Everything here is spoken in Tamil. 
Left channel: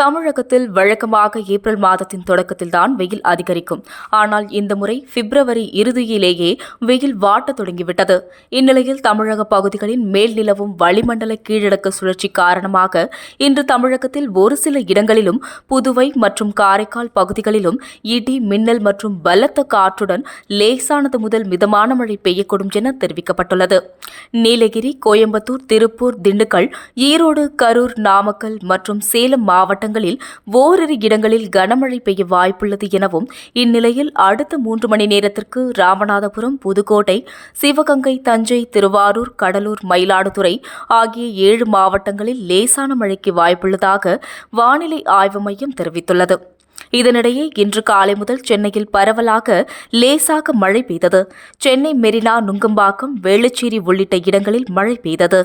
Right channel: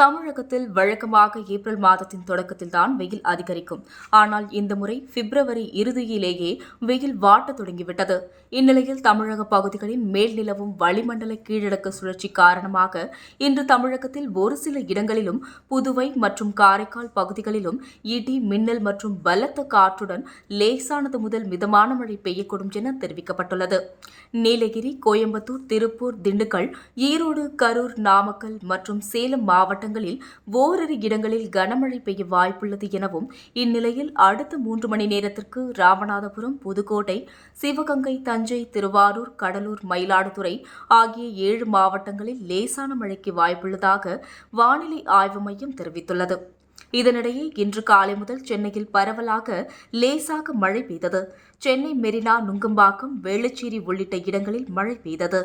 தமிழகத்தில் வழக்கமாக ஏப்ரல் மாதத்தின் தொடக்கத்தில்தான் வெயில் அதிகரிக்கும். ஆனால் இந்த முறை பிப்ரவரி இறுதியிலேயே வெயில் வாட்டத் தொடங்கிவிட்டது. இந்நிலையில் தமிழக பகுதிகளின் மேல் நிலவும் வளிமண்டல கீழடக்க சுழற்சி காரணமாக இன்று தமிழகத்தில் ஒரு சில இடங்களிலும் புதுவை மற்றும் காரைக்கால் பகுதிகளிலும் இடி மின்னல் மற்றும் பலத்த காற்றுடன் லேசானது முதல் மிதமான மழை பெய்யக்கூடும் என தெரிவிக்கப்பட்டுள்ளது. நீலகிரி கோயம்புத்தூர் திருப்பூர் திண்டுக்கல் ஈரோடு கரூர் நாமக்கல் மற்றும் சேலம் மாவட்ட மாவட்டங்களில் ஓரிரு இடங்களில் கனமழை பெய்ய வாய்ப்புள்ளது எனவும் இந்நிலையில் அடுத்த மூன்று மணி நேரத்திற்கு ராமநாதபுரம் புதுக்கோட்டை சிவகங்கை தஞ்சை திருவாரூர் கடலூர் மயிலாடுதுறை ஆகிய ஏழு மாவட்டங்களில் லேசான மழைக்கு வாய்ப்புள்ளதாக வானிலை ஆய்வு மையம் தெரிவித்துள்ளது. இதனிடையே இன்று காலை முதல் சென்னையில் பரவலாக லேசாக மழை பெய்தது. சென்னை மெரினா நுங்கம்பாக்கம் வேளச்சேரி உள்ளிட்ட இடங்களில் மழை பெய்தது.